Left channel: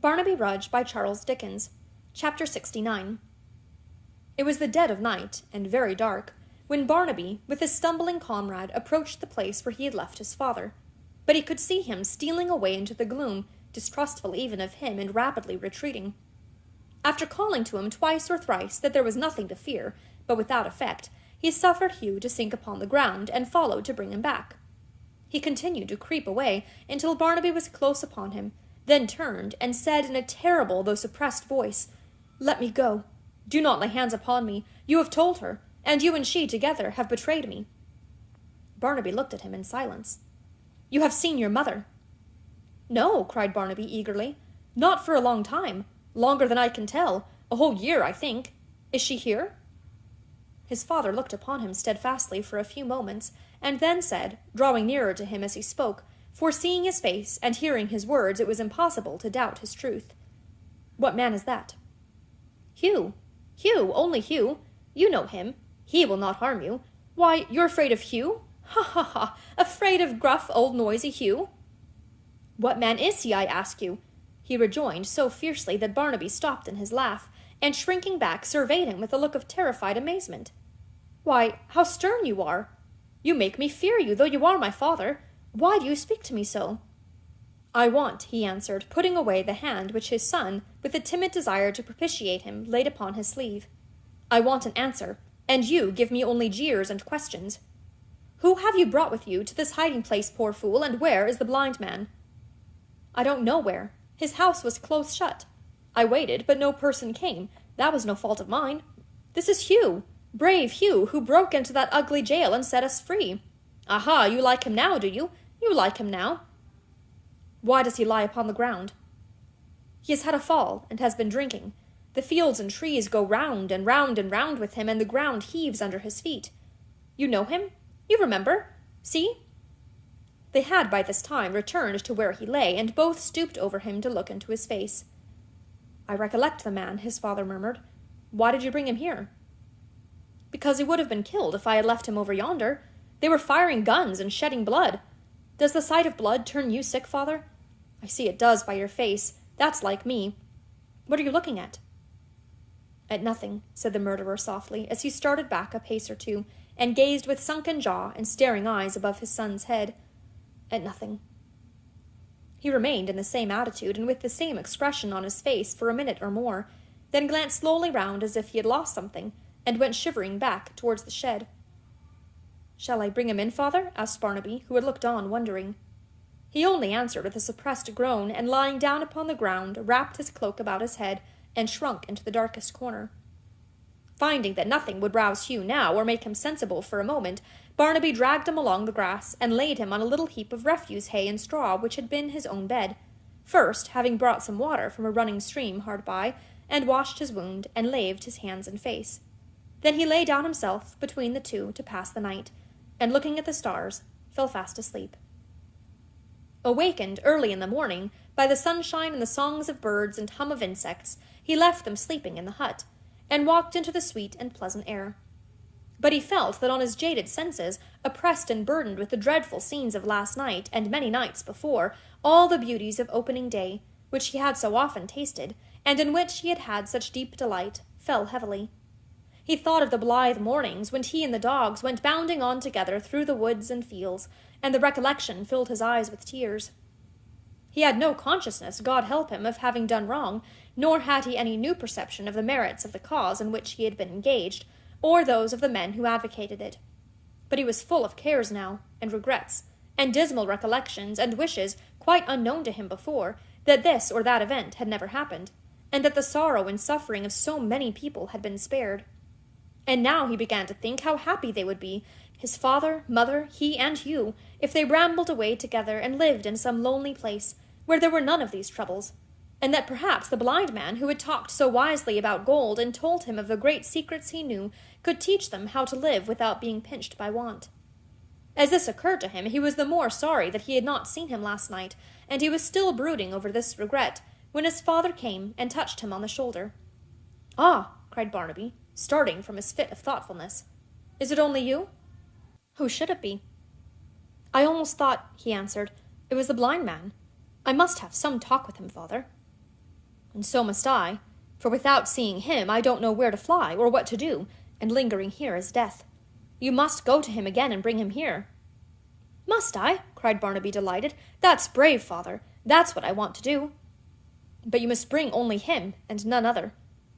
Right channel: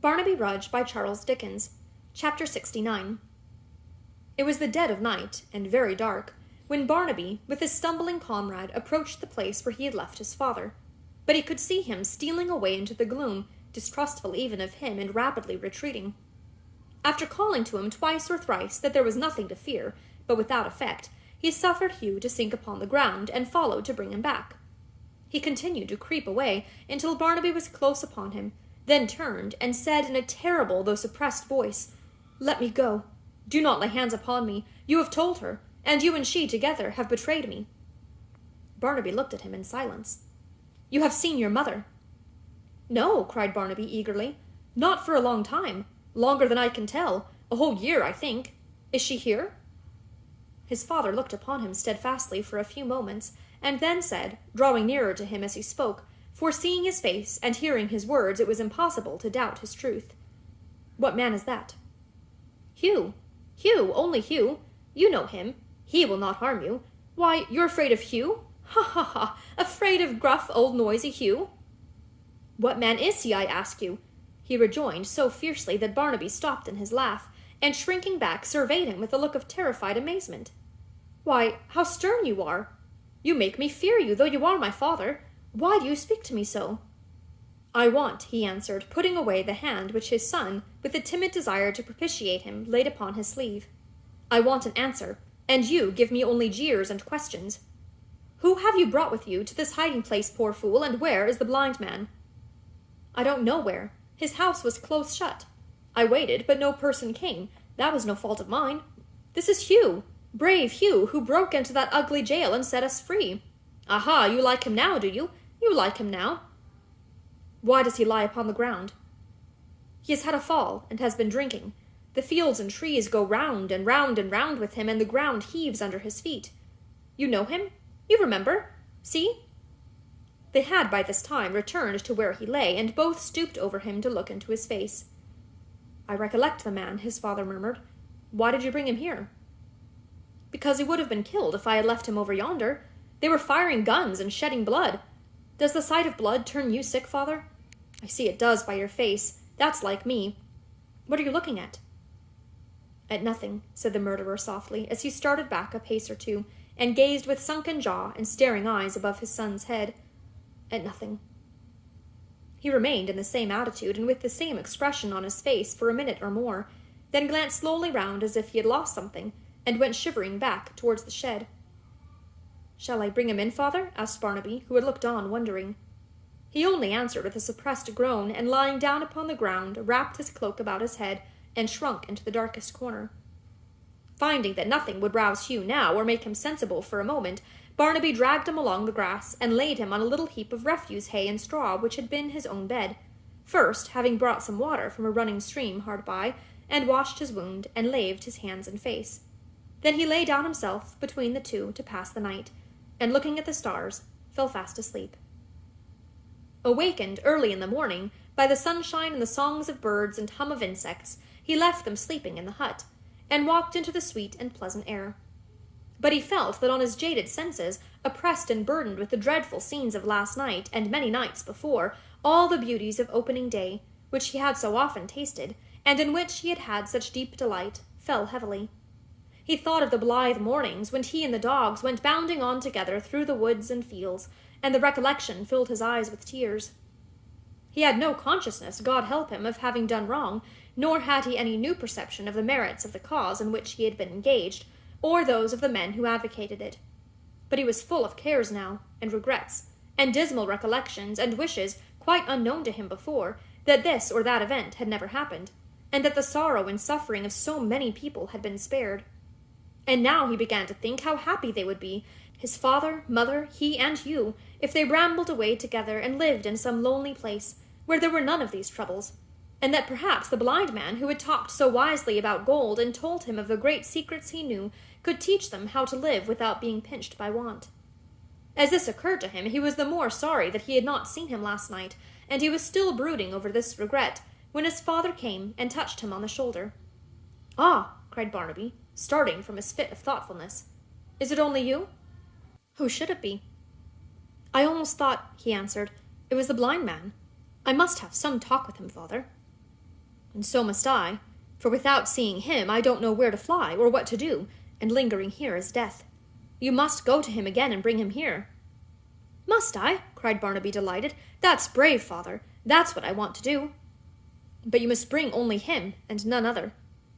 Barnaby Rudge by Charles Dickens. Chapter 69. It was the dead of night, and very dark, when Barnaby, with his stumbling comrade, approached the place where he had left his father. But he could see him stealing away into the gloom, distrustful even of him, and rapidly retreating. After calling to him twice or thrice that there was nothing to fear, but without effect, he suffered Hugh to sink upon the ground, and followed to bring him back. He continued to creep away until Barnaby was close upon him, then turned and said in a terrible though suppressed voice, "Let me go. Do not lay hands upon me. You have told her, and you and she together have betrayed me." Barnaby looked at him in silence. "You have seen your mother." "No," cried Barnaby eagerly. "Not for a long time. Longer than I can tell. A whole year, I think. Is she here?" His father looked upon him steadfastly for a few moments, and then said, drawing nearer to him as he spoke, for seeing his face and hearing his words it was impossible to doubt his truth, "What man is that?" "Hugh. Hugh, only Hugh. You know him. He will not harm you. Why, you're afraid of Hugh? Ha, ha, ha! Afraid of gruff, old, noisy Hugh?" "What man is he, I ask you?" he rejoined so fiercely that Barnaby stopped in his laugh, and shrinking back surveyed him with a look of terrified amazement. "Why, how stern you are! You make me fear you, though you are my father. Why do you speak to me so?" "I want," he answered, putting away the hand which his son, with a timid desire to propitiate him, laid upon his sleeve. "I want an answer, and you give me only jeers and questions. Who have you brought with you to this hiding-place, poor fool, and where is the blind man?" "I don't know where. His house was close shut. I waited, but no person came. That was no fault of mine. This is Hugh, brave Hugh, who broke into that ugly jail and set us free. Aha, you like him now, do you? You like him now." "Why does he lie upon the ground?" "He has had a fall, and has been drinking. The fields and trees go round and round and round with him, and the ground heaves under his feet. You know him? You remember? See?" They had by this time returned to where he lay, and both stooped over him to look into his face. "I recollect the man," his father murmured. "Why did you bring him here?" "Because he would have been killed if I had left him over yonder. They were firing guns and shedding blood. Does the sight of blood turn you sick, father? I see it does by your face. That's like me. What are you looking at?" "At nothing," said the murderer softly, as he started back a pace or two, and gazed with sunken jaw and staring eyes above his son's head. "At nothing." He remained in the same attitude and with the same expression on his face for a minute or more, then glanced slowly round as if he had lost something, and went shivering back towards the shed. "Shall I bring him in, father?" asked Barnaby, who had looked on, wondering. He only answered with a suppressed groan, and lying down upon the ground, wrapped his cloak about his head, and shrunk into the darkest corner. Finding that nothing would rouse Hugh now, or make him sensible for a moment, Barnaby dragged him along the grass, and laid him on a little heap of refuse hay and straw which had been his own bed, first having brought some water from a running stream hard by, and washed his wound, and laved his hands and face. Then he lay down himself between the two to pass the night, and looking at the stars, fell fast asleep. Awakened early in the morning by the sunshine and the songs of birds and hum of insects, he left them sleeping in the hut, and walked into the sweet and pleasant air. But he felt that on his jaded senses, oppressed and burdened with the dreadful scenes of last night and many nights before, all the beauties of opening day, which he had so often tasted, and in which he had had such deep delight, fell heavily. He thought of the blithe mornings when he and the dogs went bounding on together through the woods and fields, and the recollection filled his eyes with tears. He had no consciousness, God help him, of having done wrong, nor had he any new perception of the merits of the cause in which he had been engaged, or those of the men who advocated it. But he was full of cares now, and regrets, and dismal recollections, and wishes, quite unknown to him before, that this or that event had never happened, and that the sorrow and suffering of so many people had been spared. And now he began to think how happy they would be, his father, mother, he, and Hugh, if they rambled away together and lived in some lonely place, where there were none of these troubles, and that perhaps the blind man who had talked so wisely about gold and told him of the great secrets he knew could teach them how to live without being pinched by want. As this occurred to him, he was the more sorry that he had not seen him last night, and he was still brooding over this regret, when his father came and touched him on the shoulder. "Ah!" cried Barnaby, starting from his fit of thoughtfulness. "Is it only you?" "Who should it be?" "I almost thought," he answered, "it was the blind man. I must have some talk with him, father." And so must I, for without seeing him I don't know where to fly or what to do, and lingering here is death. You must go to him again and bring him here." "Must I?" cried Barnaby, delighted. "That's brave, father. That's what I want to do." "But you must bring only him, and none other.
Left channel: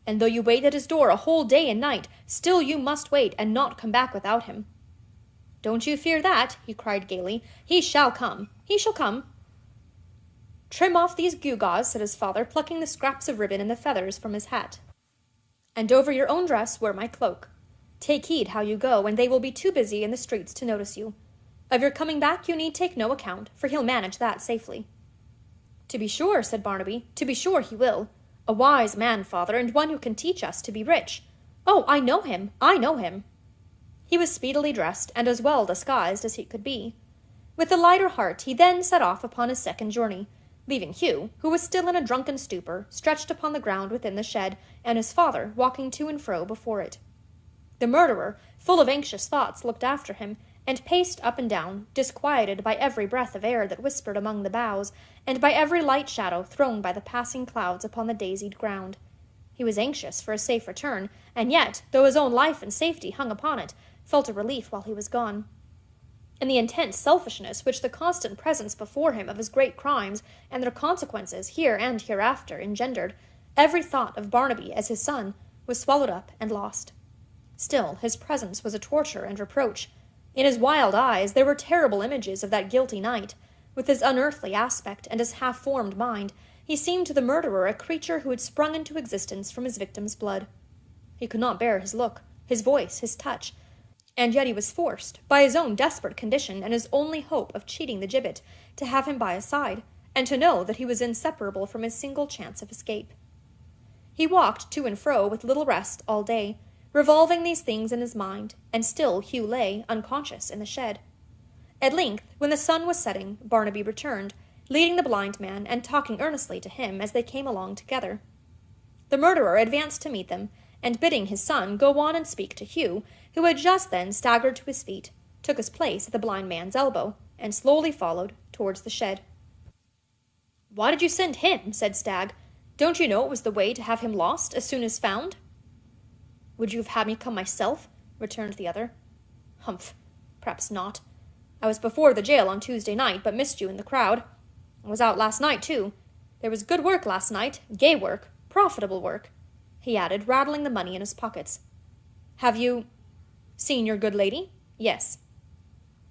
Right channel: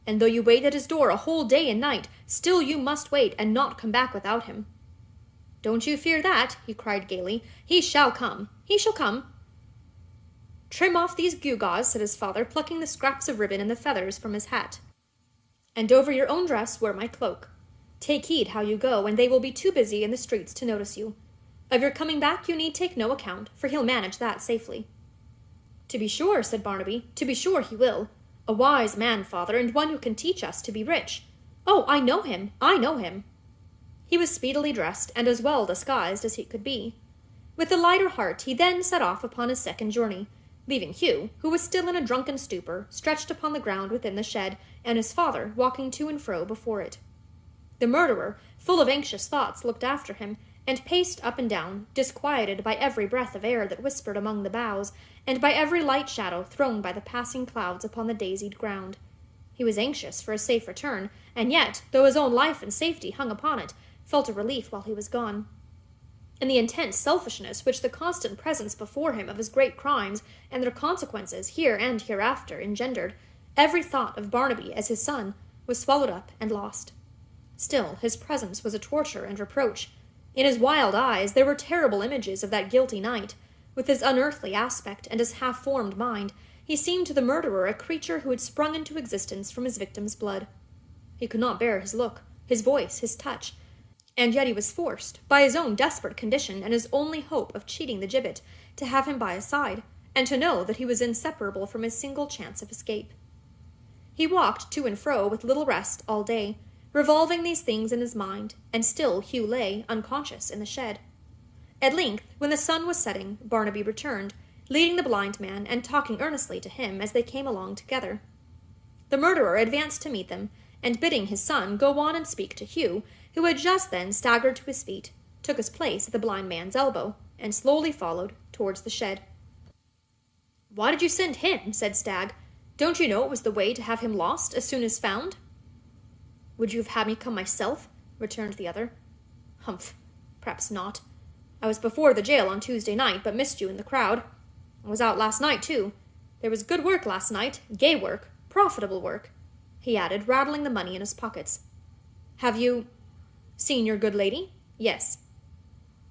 And though you wait at his door a whole day and night, still you must wait and not come back without him." "Don't you fear that," he cried gaily. "He shall come. He shall come." "Trim off these gewgaws," said his father, plucking the scraps of ribbon and the feathers from his hat. "And over your own dress wear my cloak. Take heed how you go, and they will be too busy in the streets to notice you. Of your coming back you need take no account, for he'll manage that safely." "To be sure," said Barnaby, "to be sure he will. A wise man, father, and one who can teach us to be rich. Oh, I know him, I know him." He was speedily dressed, and as well disguised as he could be. With a lighter heart he then set off upon his second journey, leaving Hugh, who was still in a drunken stupor, stretched upon the ground within the shed, and his father walking to and fro before it. The murderer, full of anxious thoughts, looked after him, and paced up and down, disquieted by every breath of air that whispered among the boughs, and by every light shadow thrown by the passing clouds upon the daisied ground. He was anxious for a safe return, and yet, though his own life and safety hung upon it, felt a relief while he was gone. And the intense selfishness which the constant presence before him of his great crimes and their consequences here and hereafter engendered, every thought of Barnaby as his son was swallowed up and lost. Still, his presence was a torture and reproach. In his wild eyes there were terrible images of that guilty night. With his unearthly aspect and his half-formed mind, he seemed to the murderer a creature who had sprung into existence from his victim's blood. He could not bear his look, his voice, his touch, and yet he was forced, by his own desperate condition and his only hope of cheating the gibbet, to have him by his side, and to know that he was inseparable from his single chance of escape. He walked to and fro with little rest all day, revolving these things in his mind, and still Hugh lay, unconscious, in the shed. At length, when the sun was setting, Barnaby returned, leading the blind man, and talking earnestly to him as they came along together. The murderer advanced to meet them, and bidding his son go on and speak to Hugh, who had just then staggered to his feet, took his place at the blind man's elbow, and slowly followed towards the shed. "Why did you send him?" said Stagg. "Don't you know it was the way to have him lost as soon as found?" "Would you have had me come myself?" returned the other. "Humph, perhaps not. I was before the jail on Tuesday night, but missed you in the crowd. I was out last night, too. There was good work last night, gay work, profitable work," he added, rattling the money in his pockets. "Have you seen your good lady?" "Yes."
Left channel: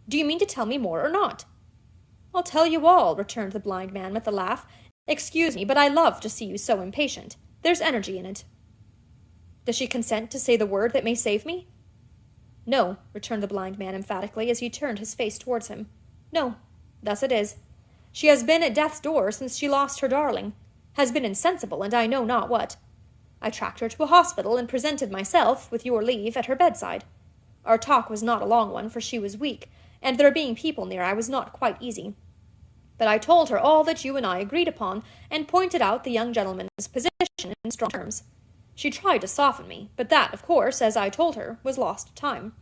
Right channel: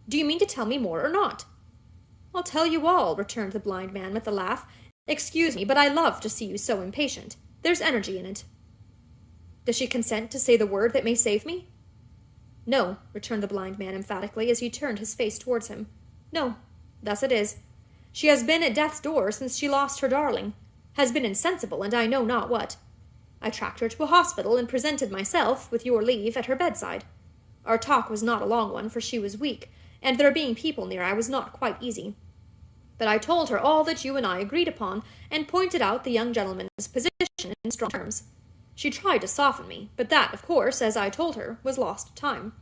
"Do you mean to tell me more or not?" "I'll tell you all," returned the blind man with a laugh. "Excuse me, but I love to see you so impatient. There's energy in it." "Does she consent to say the word that may save me?" "No," returned the blind man emphatically, as he turned his face towards him. "No, thus it is. She has been at death's door since she lost her darling, has been insensible, and I know not what. I tracked her to a hospital, and presented myself, with your leave, at her bedside. Our talk was not a long one, for she was weak, and there being people near, I was not quite easy. But I told her all that you and I agreed upon, and pointed out the young gentleman's position in strong terms. She tried to soften me, but that, of course, as I told her, was lost time.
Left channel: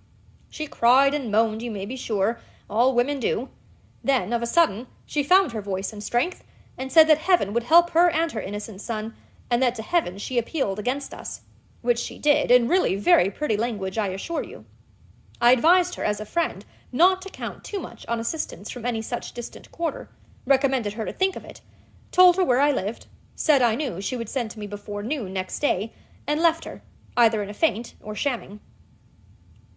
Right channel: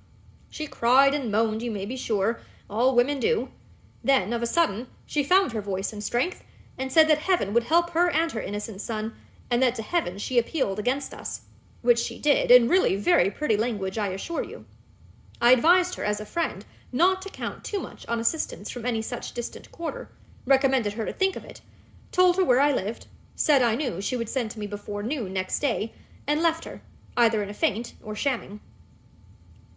She cried and moaned, you may be sure, all women do. Then, of a sudden, she found her voice and strength, and said that heaven would help her and her innocent son, and that to heaven she appealed against us, which she did, in really very pretty language, I assure you. I advised her, as a friend, not to count too much on assistance from any such distant quarter, recommended her to think of it, told her where I lived, said I knew she would send to me before noon next day, and left her, either in a faint or shamming."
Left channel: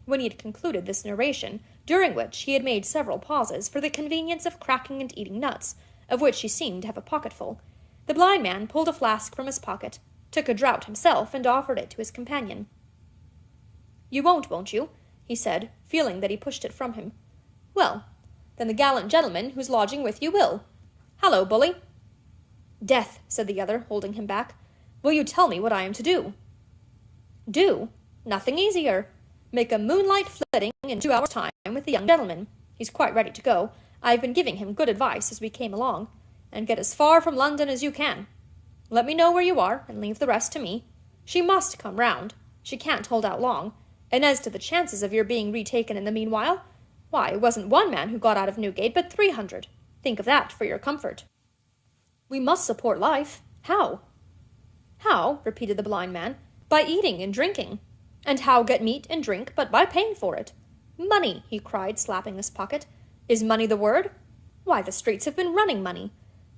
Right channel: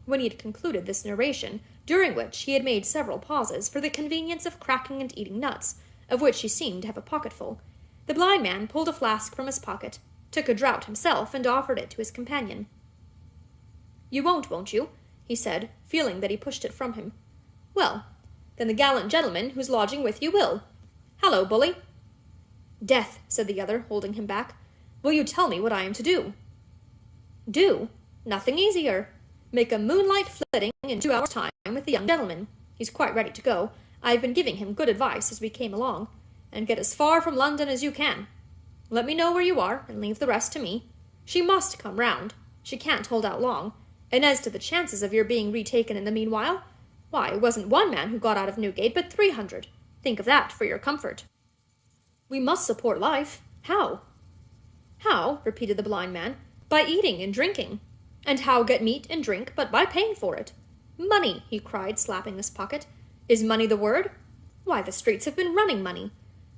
When he had concluded this narration, during which he had made several pauses for the convenience of cracking and eating nuts, of which he seemed to have a pocketful, the blind man pulled a flask from his pocket, took a draught himself, and offered it to his companion. "You won't you?" he said, feeling that he pushed it from him. "Well, then the gallant gentleman who's lodging with you will. Hallo, bully." "Death," said the other, holding him back. "Will you tell me what I am to do?" "Do? Nothing easier. Make a moonlight flitting in 2 hours' time with the young gentleman. He's quite ready to go. I've been giving him good advice as we came along. And get as far from London as you can. Let me know where you are, and leave the rest to me. She must come round. She can't hold out long. And as to the chances of your being retaken in the meanwhile, why, it wasn't one man who got out of Newgate, but 300. Think of that for your comfort." "We must support life. How?" How? Repeated the blind man. By eating and drinking. And how get meat and drink but by paying for it? Money, he cried, slapping his pocket. Is money the word? Why, the streets have been running money.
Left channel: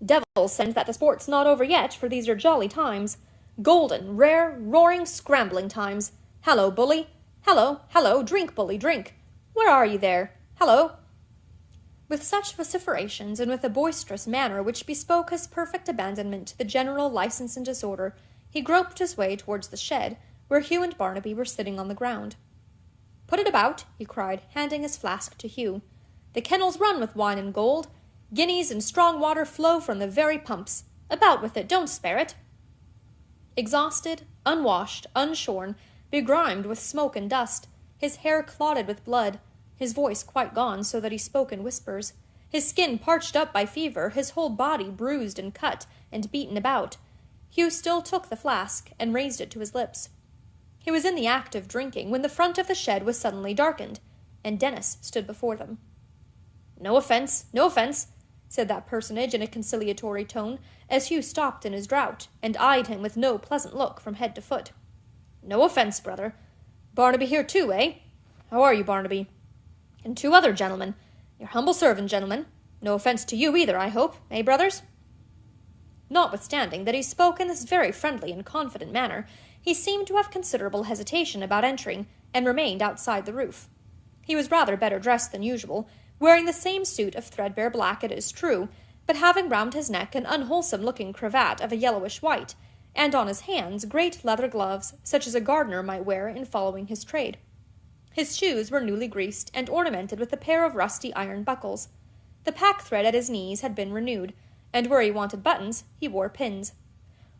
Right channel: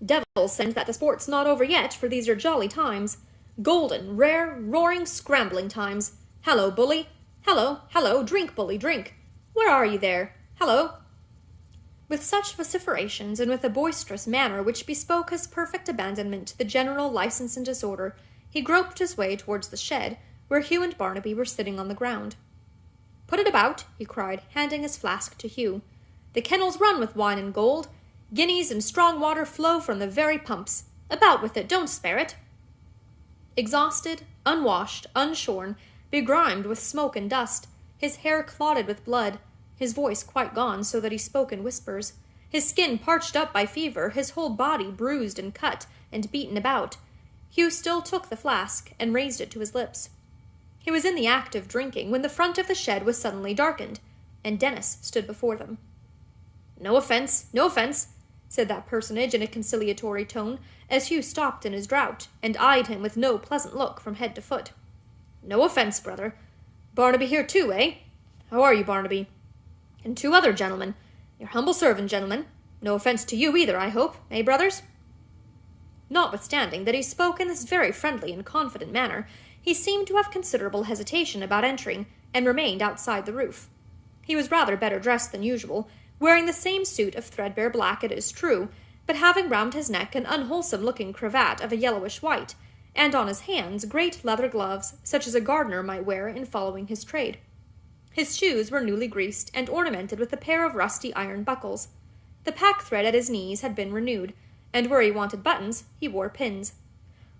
Devil send that the sport's not over yet, for these are jolly times. Golden, rare, roaring, scrambling times. Hallo, bully. Hallo, hallo, drink, bully, drink. Where are you there? Hallo. With such vociferations, and with a boisterous manner which bespoke his perfect abandonment to the general license and disorder, he groped his way towards the shed, where Hugh and Barnaby were sitting on the ground. Put it about, he cried, handing his flask to Hugh. The kennels run with wine and gold. Guineas and strong water flow from the very pumps. About with it, don't spare it. Exhausted, unwashed, unshorn, begrimed with smoke and dust, his hair clotted with blood, his voice quite gone so that he spoke in whispers, his skin parched up by fever, his whole body bruised and cut and beaten about, Hugh still took the flask and raised it to his lips. He was in the act of drinking when the front of the shed was suddenly darkened, and Dennis stood before them. No offence, said that personage in a conciliatory tone, as Hugh stopped in his draught, and eyed him with no pleasant look from head to foot. No offence, brother. Barnaby here too, eh? How are you, Barnaby? And 2 other gentlemen. Your humble servant, gentlemen. No offence to you either, I hope, eh, brothers? Notwithstanding that he spoke in this very friendly and confident manner, he seemed to have considerable hesitation about entering, and remained outside the roof. He was rather better dressed than usual, wearing the same suit of threadbare black, it is true, but having round his neck an unwholesome-looking cravat of a yellowish white, and on his hands great leather gloves, such as a gardener might wear in following his trade. His shoes were newly greased, and ornamented with a pair of rusty iron buckles. The pack-thread at his knees had been renewed, and where he wanted buttons, he wore pins.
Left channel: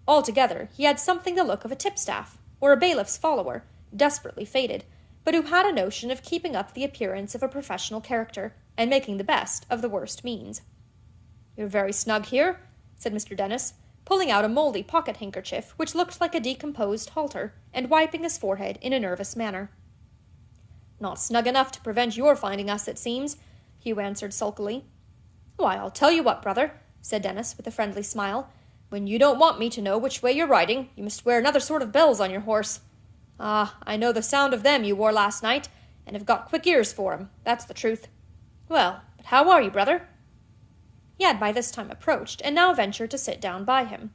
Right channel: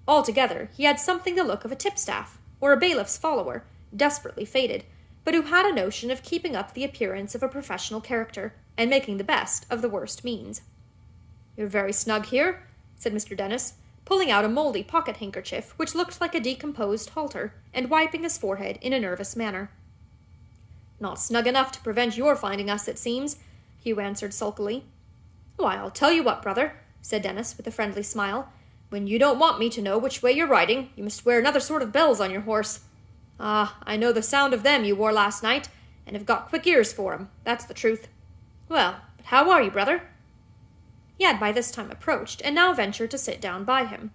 Altogether, he had something the look of a tipstaff, or a bailiff's follower, desperately faded, but who had a notion of keeping up the appearance of a professional character, and making the best of the worst means. "You're very snug here," said Mr. Dennis, pulling out a mouldy pocket-handkerchief which looked like a decomposed halter, and wiping his forehead in a nervous manner. "Not snug enough to prevent your finding us, it seems," Hugh answered sulkily. "Why, I'll tell you what, brother," said Dennis with a friendly smile. "When you don't want me to know which way you're riding, you must wear another sort of bells on your horse. Ah, I know the sound of them you wore last night, and have got quick ears for 'em, that's the truth. Well, but how are you, brother?" He had by this time approached, and now ventured to sit down by him.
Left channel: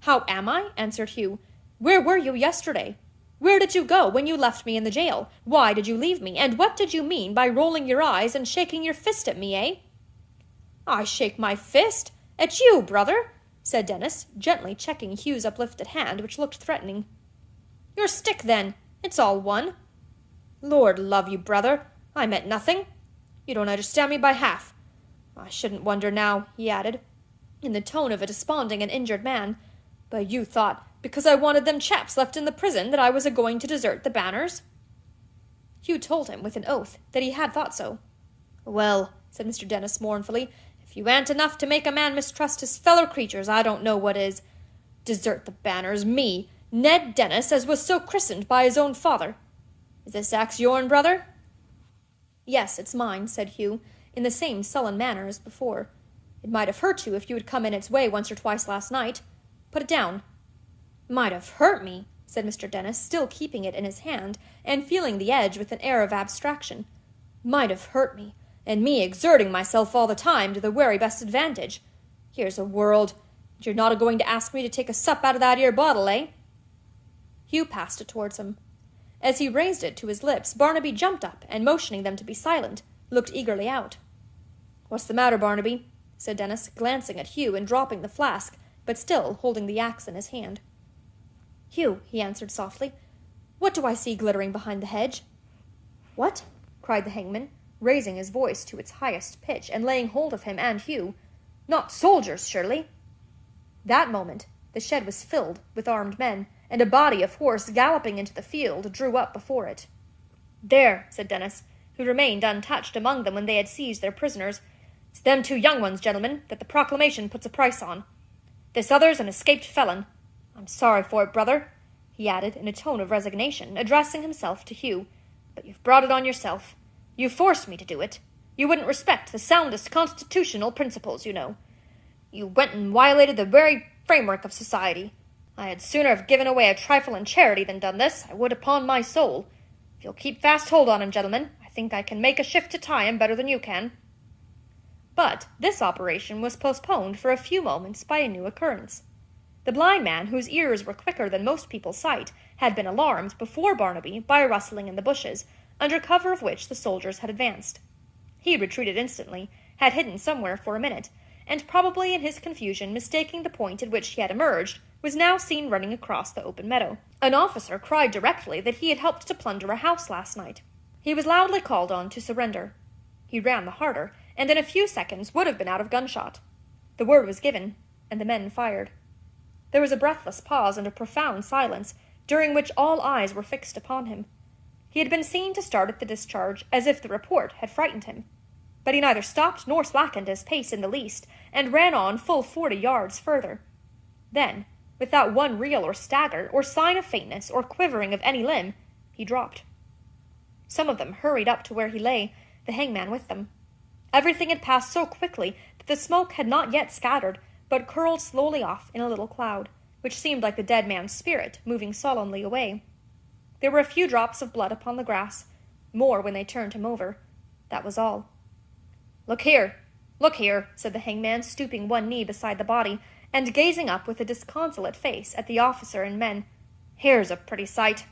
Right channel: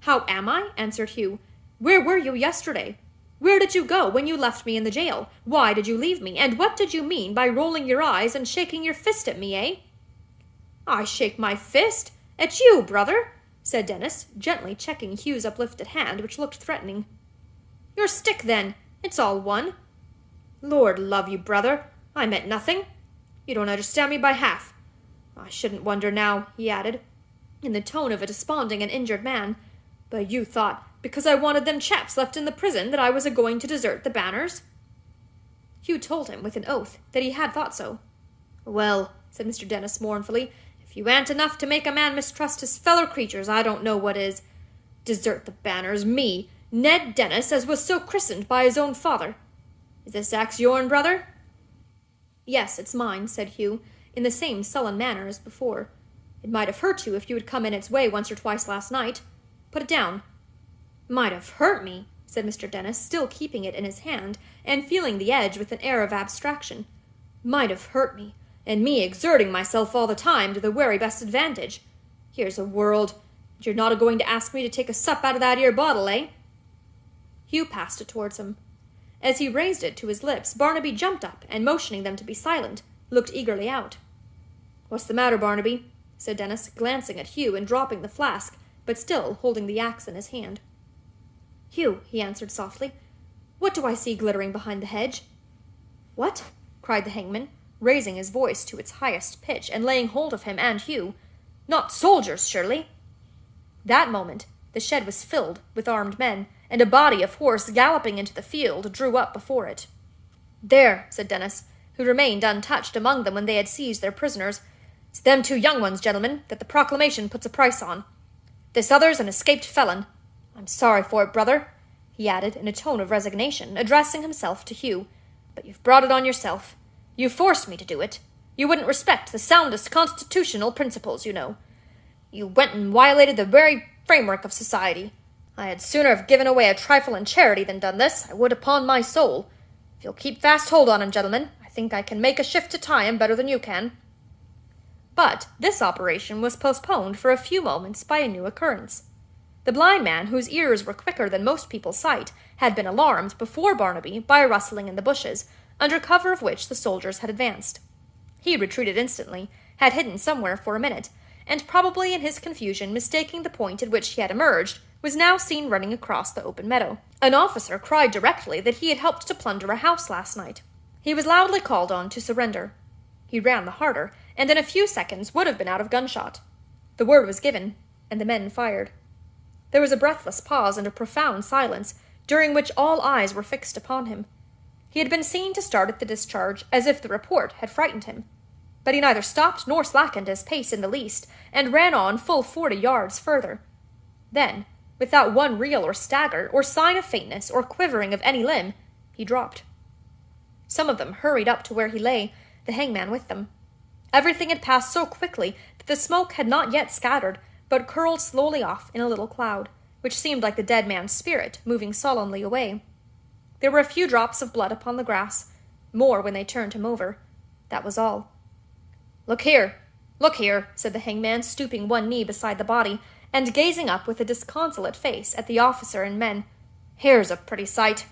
"How am I?" answered Hugh. "Where were you yesterday? Where did you go when you left me in the jail? Why did you leave me? And what did you mean by rolling your eyes and shaking your fist at me, eh?" "I shake my fist? At you, brother?" said Dennis, gently checking Hugh's uplifted hand, which looked threatening. "Your stick, then. It's all one." "Lord love you, brother, I meant nothing. You don't understand me by half. I shouldn't wonder now," he added, in the tone of a desponding and injured man, "but you thought, because I wanted them chaps left in the prison, that I was a-going to desert the Banners?" Hugh told him, with an oath, that he had thought so. "Well," said Mr. Dennis mournfully, "if you ain't enough to make a man mistrust his fellow creatures, I don't know what is. Desert the Banners, me, Ned Dennis, as was so christened by his own father. Is this axe yourn, brother?" "Yes, it's mine," said Hugh, in the same sullen manner as before. "It might have hurt you if you had come in its way once or twice last night. Put it down." "Might have hurt me," said Mr. Dennis, still keeping it in his hand, and feeling the edge with an air of abstraction. "Might have hurt me, and me exerting myself all the time to the very best advantage. Here's a world. You're not a-going to ask me to take a sup out of that 'ere bottle, eh?" Hugh passed it towards him. As he raised it to his lips, Barnaby jumped up, and motioning them to be silent, looked eagerly out. "What's the matter, Barnaby?" said Dennis, glancing at Hugh and dropping the flask, but still holding the axe in his hand. "Hugh," he answered softly, "what do I see glittering behind the hedge?" "What?" cried the hangman, raising his voice to its highest pitch, and laying hold of him and Hugh. "Not soldiers, surely?" That moment the shed was filled with armed men, and a body of horse galloping into the field drew up before it. "There," said Dennis, who remained untouched among them when they had seized their prisoners. "It's them 2 young ones, gentlemen, that the proclamation puts a price on. This other's an escaped felon. I'm sorry for it, brother," he added in a tone of resignation, addressing himself to Hugh, "but you've brought it on yourself. You forced me to do it. You wouldn't respect the soundest constitutional principles, you know. You went and violated the very framework of society. I had sooner have given away a trifle in charity than done this, I would upon my soul. If you'll keep fast hold on him, gentlemen, I think I can make a shift to tie him better than you can." But this operation was postponed for a few moments by a new occurrence. The blind man, whose ears were quicker than most people's sight, had been alarmed before Barnaby by a rustling in the bushes, under cover of which the soldiers had advanced. He retreated instantly, had hidden somewhere for a minute, and probably in his confusion mistaking the point at which he had emerged, was now seen running across the open meadow. An officer cried directly that he had helped to plunder a house last night. He was loudly called on to surrender. He ran the harder, and in a few seconds would have been out of gunshot. The word was given, and the men fired. There was a breathless pause and a profound silence, during which all eyes were fixed upon him. He had been seen to start at the discharge, as if the report had frightened him. But he neither stopped nor slackened his pace in the least, and ran on full 40 yards further. Then, without one reel or stagger, or sign of faintness, or quivering of any limb, he dropped. Some of them hurried up to where he lay, the hangman with them. Everything had passed so quickly that the smoke had not yet scattered, but curled slowly off in a little cloud, which seemed like the dead man's spirit moving sullenly away. There were a few drops of blood upon the grass, more when they turned him over. That was all. Look here, said the hangman, stooping one knee beside the body, and gazing up with a disconsolate face at the officer and men. "Here's a pretty sight."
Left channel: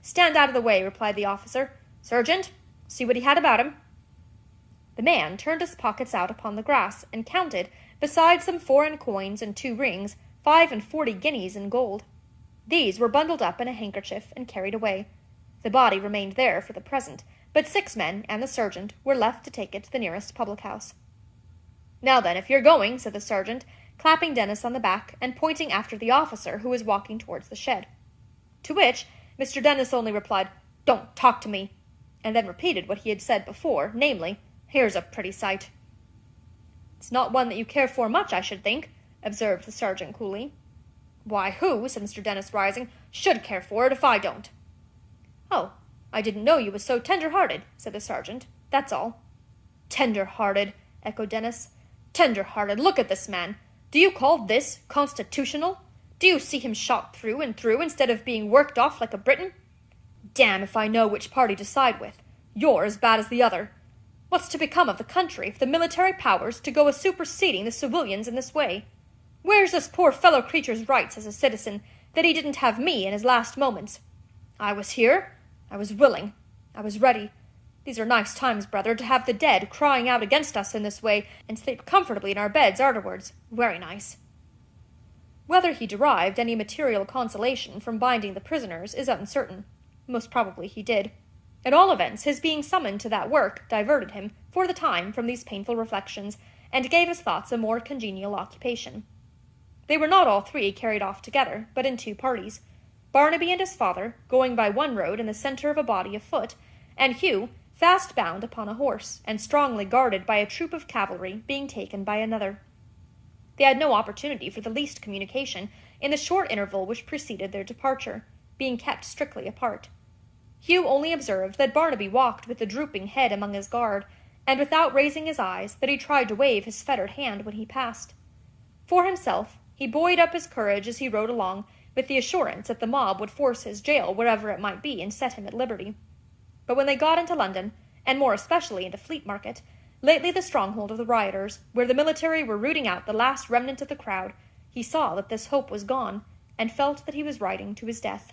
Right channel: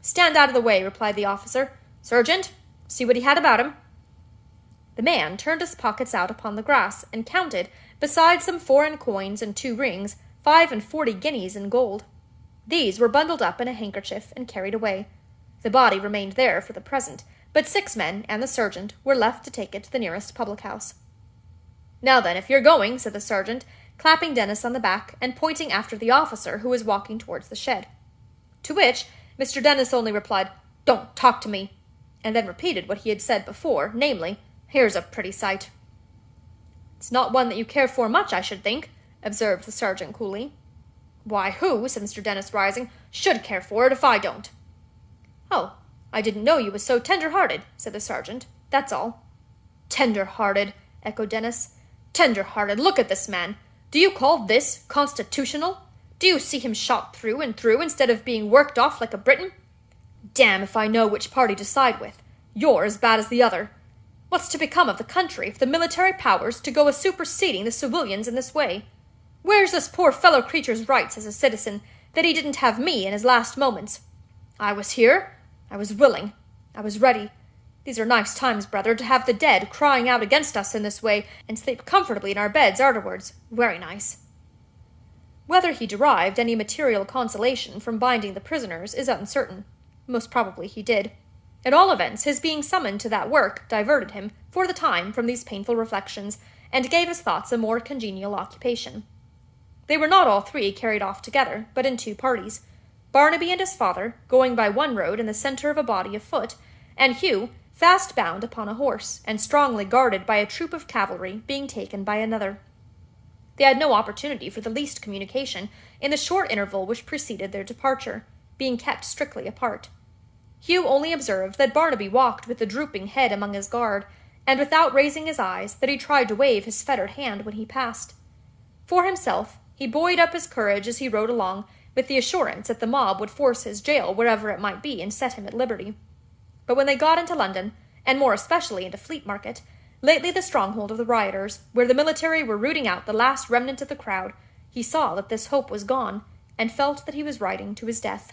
"Stand out of the way," replied the officer. "Sergeant, see what he had about him." The man turned his pockets out upon the grass, and counted, besides some foreign coins and 2 rings, 45 guineas in gold. These were bundled up in a handkerchief and carried away. The body remained there for the present, but 6 men and the sergeant were left to take it to the nearest public-house. "Now then, if you're going," said the sergeant, clapping Dennis on the back and pointing after the officer who was walking towards the shed. To which Mr. Dennis only replied, "Don't talk to me," and then repeated what he had said before, namely, "Here's a pretty sight." "It's not one that you care for much, I should think," observed the sergeant coolly. "Why, who," said Mr. Dennis, rising, "should care for it if I don't?" "Oh, I didn't know you was so tender-hearted," said the sergeant. "That's all." "Tender-hearted," echoed Dennis. "Tender-hearted. Look at this man. Do you call this constitutional? Do you see him shot through and through instead of being worked off like a Briton? Damn if I know which party to side with. You're as bad as the other. What's to become of the country if the military powers to go a-superseding the civilians in this way? Where's this poor fellow creature's rights as a citizen, that he didn't have me in his last moments? I was here. I was willing. I was ready. These are nice times, brother, to have the dead crying out against us in this way, and sleep comfortably in our beds arterwards. Very nice." Whether he derived any material consolation from binding the prisoners is uncertain. Most probably he did. At all events, his being summoned to that work diverted him, for the time, from these painful reflections, and gave his thoughts a more congenial occupation. They were not all 3 carried off together, but in 2 parties, Barnaby and his father going by one road in the centre of a body of foot, and Hugh, fast bound upon a horse, and strongly guarded by a troop of cavalry, being taken by another. They had no opportunity for the least communication in the short interval which preceded their departure, being kept strictly apart. Hugh only observed that Barnaby walked with a drooping head among his guard, and without raising his eyes that he tried to wave his fettered hand when he passed. For himself, he buoyed up his courage as he rode along, with the assurance that the mob would force his jail wherever it might be and set him at liberty. But when they got into London, and more especially into Fleet Market, lately the stronghold of the rioters, where the military were rooting out the last remnant of the crowd, he saw that this hope was gone, and felt that he was riding to his death.